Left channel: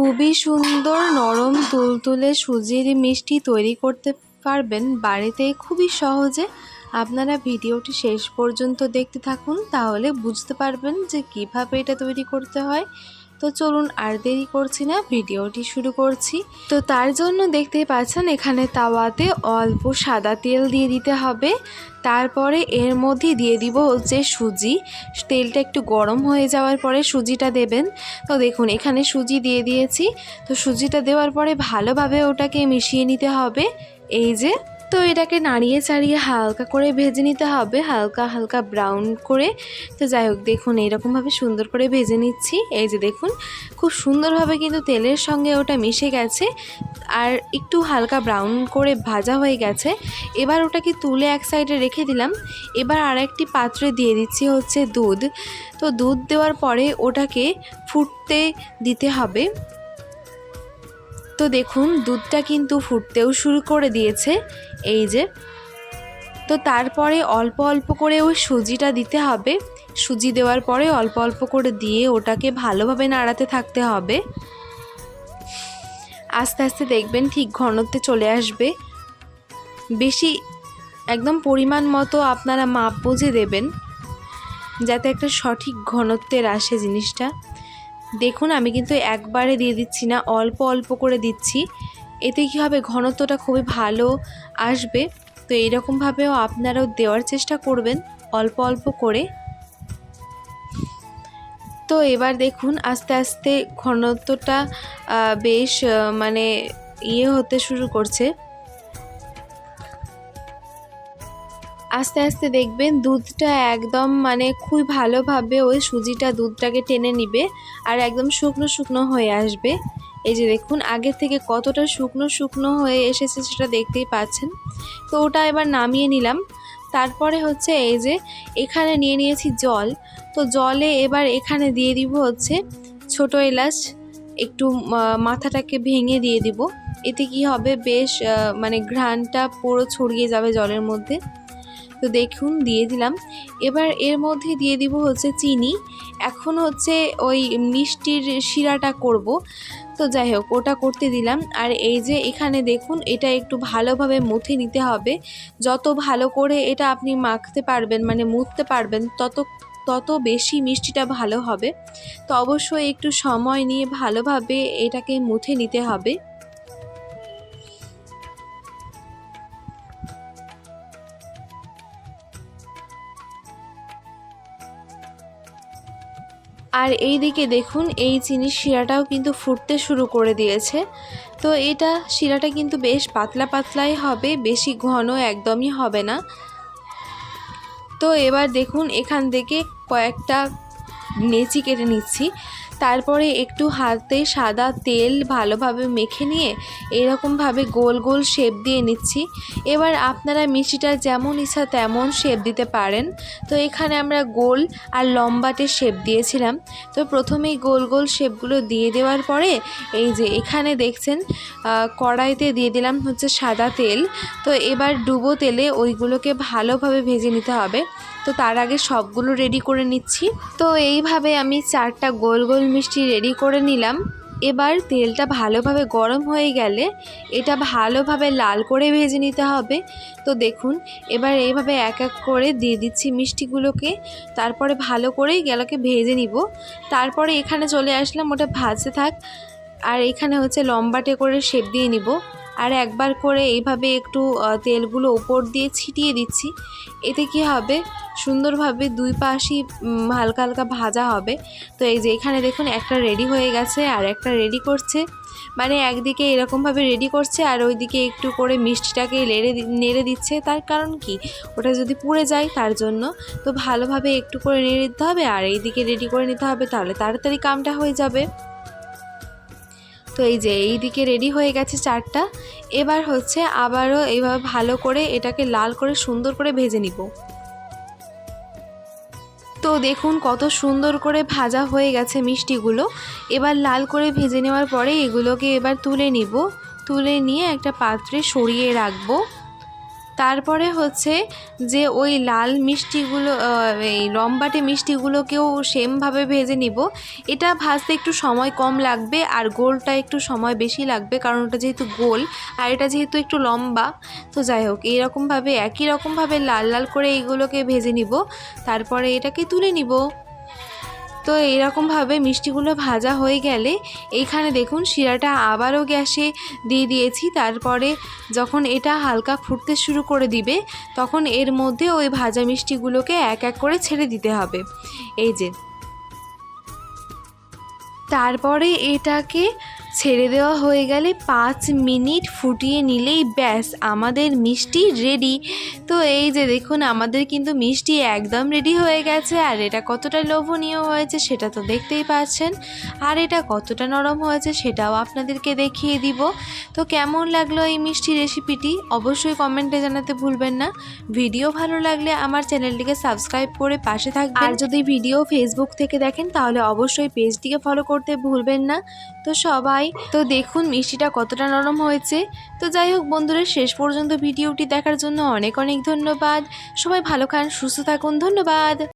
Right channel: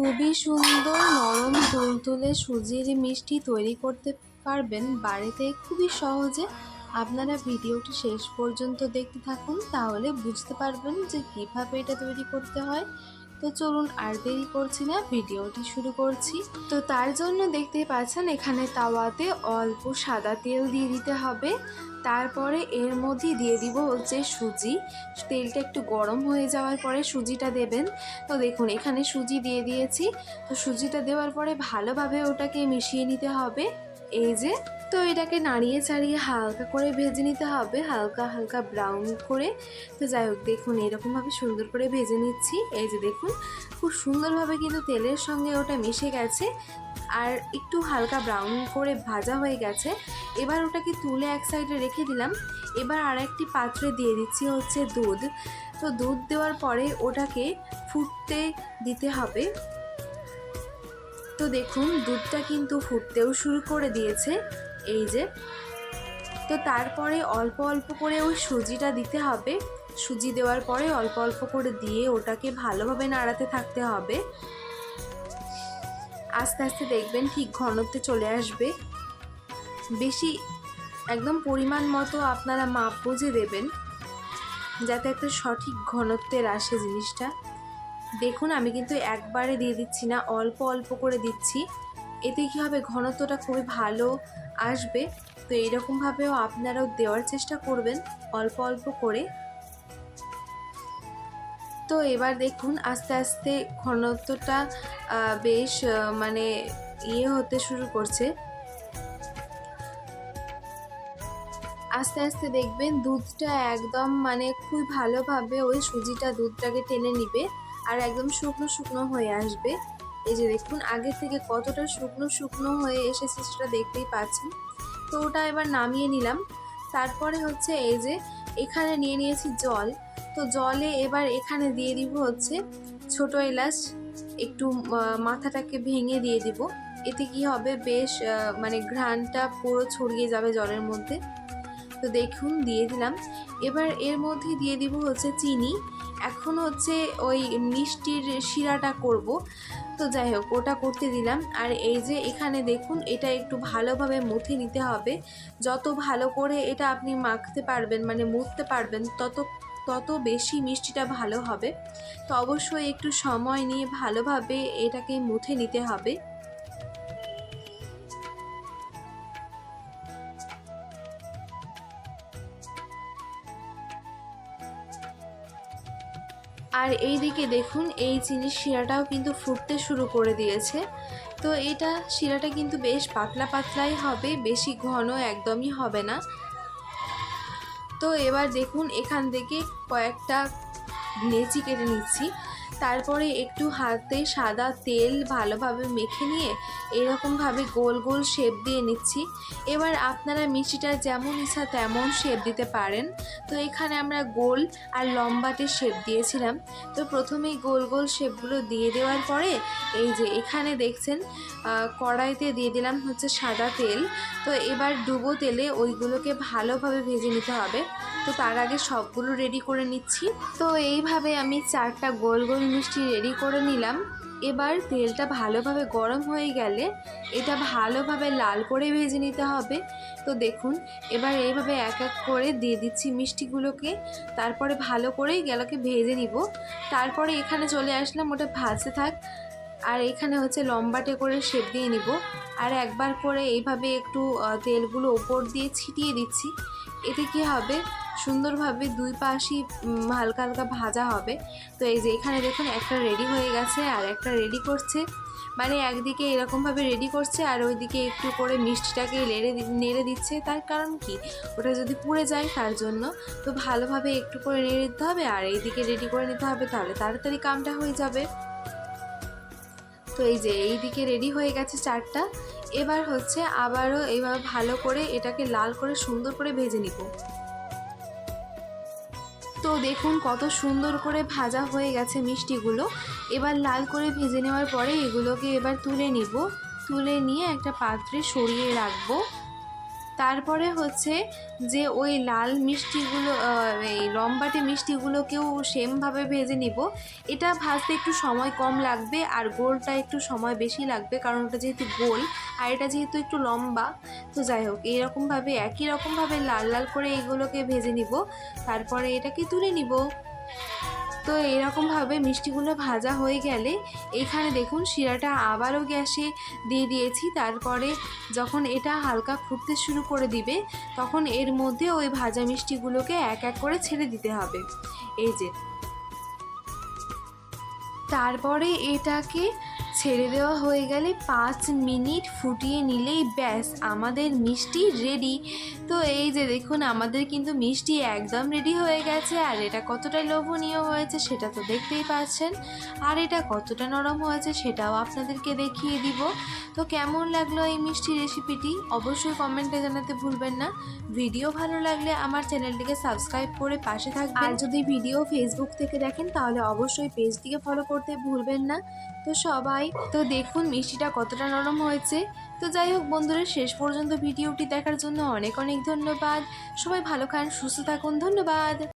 খুবই সুন্দর নরম তুলতুলে সুজির মিষ্টি তৈরি করতে পারবেন বাড়িতে খুবই সহজে। আপনারা ভিডিওটি শেষ পর্যন্ত দেখতে থাকুন, তাহলে বুঝতে পারবেন যে কিভাবে এটা তৈরি করতে হয়। তো চলুন আর দেরি করছি না, ভিডিওটি শুরু করছি। তো তার জন্য দেখতেই পাচ্ছেন এখানে তাওয়াতে অল্প সাদা তেল দিয়ে দিতে হবে। তারপরে এর মধ্যে দিয়ে দিব হচ্ছে সুজি। তেলটা একটু গরম হয়ে যাওয়ার পরে সুজিটা দেবেন। তো দেখুন এখানে সুজি দিয়ে দিয়েছি। তো সুজিটা দেওয়ার পরে ভালোভাবে ওটাকে মিশিয়ে নিতে হবে। এই যে, তো এটাকে নাড়িয়ে চাড়িয়ে হালকা করে ভেজে নিতে হবে, হালকা হালকা ব্রাউন করে। তো যাই হোক, দেখুন এইরকমভাবে সুন্দর করে ভেজে নিচ্ছি। এই যে দেখুন, খুব সুন্দরভাবে কিন্তু তেলের সঙ্গে ওটা মিশে গেছে আর একটু হালকা ব্রাউন করে ভাজা হয়ে গেছে। এবার ওটাকে তুলে এক সাইডে রেখে দিলাম। এবার আরেকটি পাত্রে দিয়ে দিচ্ছি হচ্ছে দুধ। তো দুধ দেওয়ার পরে ওটাকে ফুটতে দিতে হবে। তো দেখুন দুধটা কিন্তু ফুটতেও শুরু করে দিয়েছে। এই যে, তো তারপরে অল্প অল্প করে ওই সুজিটা দিতে হবে। সুজি দেওয়ার পরে অল্প অল্প করে দিয়ে ওটাকে ভালোভাবে নাড়াতে থাকতে হবে। আস্তে আস্তে দেখবেন ঠিক ঘনত্বে চলে আসবে। বেশি একদম পরিমাণ মতো আপনারা মাপ বুঝে দেবেন, যাতে একটা সঠিক ঘনত্বের আসে জিনিসটা। দেখুন আমি কিন্তু একবারে দিয়ে দিচ্ছি না, অল্প অল্প করে দিচ্ছি। এতে কী হবে, ঘনত্বটা খুবই ভালো আসবে। তো এইরকমভাবেও আপনারাও দেওয়ার চেষ্টা করবেন অল্প অল্প করে। তো এবার দেখুন আস্তে আস্তে ঘনত্বটা বেশ মানে হতে শুরু করছে। আস্তে আস্তে দেখবেন দুধটা একদম মানে খুব ভালোভাবে ওই সুজিটা দুধটাকে টেনে নিবে আর একদম শুকনো শুকনো হয়ে আসবে। এই যে দেখুন আগের থেকে কতটা শুকনো শুকনো হয়ে এসেছে সেটা দেখতেই পাচ্ছেন। তো ওটা এবার নামিয়ে নিলাম। তারপরে হচ্ছে এই যে এখানে নিয়ে নিয়েছি জল। তো জলে এবার এখানে দিয়ে দিব হচ্ছে ছোট এলাচ, একটু মাথাটাকে ভেঙে দিয়ে দিব। এতে কি হবে, বেশ মানে ঘ্রাণটা পুরো ছড়িয়ে যাবে জলের মধ্যে। তো দেখুন দিয়ে দিলাম। এবার এর মধ্যে দিয়ে দিব হচ্ছে চিনি। এখন হচ্ছে ওই মিষ্টির শিরাটা করব। তো যাই হোক ওটা করতে দিলাম। আর এই যে এখানে দেখুন এটা একটু ভালোভাবে মুথে নিতে হবে। যত ভালো করে এটা আপনি মাখতে পারবেন মানে মুথতে পারবেন তত বেশি মিষ্টিটা ভালো হবে। তো অবশ্যই একটু সময় নিয়ে ভালোভাবে এটাকে মুথে নিতে হবে। আর এই দিকে দেখুন এই চিনির শিরাটাও কিন্তু ফুটতে শুরু করে দিয়েছে। তো এটা শিরাটা কিন্তু বেশ পাতলা পাতলাই হবে, বেশি ঘন একদমই হবে না। তো এবার দেখুন এখান থেকে কয়েকটা নেচি কেটে নিচ্ছি। তারপরে একটু হাতে সাদা তেল ভালোভাবে মেখে নিয়ে এরকমভাবে গোল গোল শেপ দিয়ে নিচ্ছি। এবার আপনারা মিষ্টিটা যেমন ইচ্ছা তেমন শেপ দিতে পারেন। তো এখানে আমরা গোল আর লম্বাটে শেপ দিয়েছিলাম। তো প্রথমেই গোল গোল শেপগুলো দিয়ে দেওয়ার পরে এই যে এখানে দেখছেন কড়াইতে দিয়ে দিলাম হচ্ছে সাদা তেল। তো এবার ডুবো তেলে ওইগুলোকে ভালোভাবে ভেজে নিতে হবে। তো তার আগে সবগুলো রেডি করে নিচ্ছি। তো এইভাবে আমি 4টা গোল গোল মিষ্টি রেডি করে নিলাম। এবার তেলটা ভালোভাবে গরম হয়ে গেলে এটা ভালোভাবে লাল করে ভেজে নিতে হবে। তো দেখুন এবার এইভাবে এক এক করে দিয়ে দিচ্ছি মিষ্টিগুলোকে। তারপরে ভালো করেই গেলাকে ভেজে নিব। তারপরে এখানে চলে আসলাম, ওটা ভাজতে থাক। আর এখানে হচ্ছে লম্বাটে করে শেপ দিয়ে নিব। আর একবার করে এইভাবে একটু তেলগুলো ওপর দিয়ে ছিটিয়ে দিচ্ছি। এতে কি হবে, সুন্দরভাবে দুই পাশই হালকা হালকা ভাজা হবে। তো এই যে এখানে দেখুন একটা রেডি হয়ে গেছে আর একটা রেডি করছে, মানে একদিকে এরকমভাবে রেডি করছে আর ওইদিকে একটু করে মিষ্টিটাকে নেড়ে দিচ্ছে। তার কারণ কি, ওটা যদি পুড়ে যায় তার জন্য। তো ভালোভাবে একটু করে নেড়ে দিতে হবে আর এইদিকে রেডি করে নিতে হবে, তাহলে তাড়াতাড়ি কামটা হয়ে যাবে। তো এই যে এই দিকে রেডি হয়ে গেছে 4টা। এবার হচ্ছে আবারও এইভাবে ভালো করে এটাকে লাল করে সুন্দর করে ভেজে নিব। তো দেখুন কত সুন্দর করে ভাজা হয়ে গেছে মিষ্টিগুলো। এবার লাল করে ভেজে নেওয়ার পরে এগুলোকে এবার তুলে নিব। তুলে নিয়ে একটা পাত্রে সরিয়ে রাখবো। তারপরে হচ্ছে যে ওই লাল মিষ্টিগুলো এই লম্বাটে মিষ্টিগুলোকেও সেমভাবে ভেজে নিব। এটা ভাজতে একটু সময় কম লাগবে আর গোলটা একটু সময় বেশি লাগবে, কারণ ওটা যেহেতু গোল আর এটা যেহেতু একটু লম্বা। তো যাই হোক, এইরকমভাবে একই রকমভাবে লাল লাল করে এইগুলোকে ভেজে নিব, তারপরে এটাকে তুলে নিব। তো এরকমভাবে মিষ্টিগুলো ভাজা হয়ে গেলে এইখানে দেখুন শিরাটা আবারও গ্যাসে দিয়ে দিয়েছি। তারপরে যখন এটা হালকা ফুটতে শুরু করে দিবে তখন এর মধ্যে ওই ভাজা মিষ্টিগুলোকে এক এক করে ছেড়ে দিতে হবে। এই যে, তারপরে এটাকে ছেড়ে দেওয়া হয়ে গেলে 5 মিনিট ফুটিয়ে নিলেই ব্যাস আমাদের মিষ্টি রেডি। তো এই যে দেখুন, আমাদের কিন্তু মিষ্টি একদম রেডি হয়ে গেছে। আর এটা কতটা লোভনীয় হয়েছে সেটা তো দেখতেই পাচ্ছেন, আর এটা কতটা নরম হয়েছে সেটাও আপনাদেরকে দেখিয়ে দিব। তো কেমন লাগলো এই মিষ্টি রেসিপিটি অবশ্যই কমেন্টে জানাতে ভুলবেন না। ভিডিও ভালো লাগলে আমার চ্যানেলটিকে সাবস্ক্রাইব করে পাশে থাকবেন। আর যদি ভিডিও ফেসবুক থেকে দেখেন তাহলে অবশ্যই পেজটিকে ফলো করতে ভুলবেন না। তো সবাই তো দেখুন মিষ্টিটা কতটা নরম হয়েছে। তো যাই হোক বন্ধুরা, শেষ পর্যন্ত ভিডিওটি দেখার জন্য অনেক অনেক ধন্যবাদ। সবাই ভালো খান, সুস্থ থাকুন, ধন্যবাদ।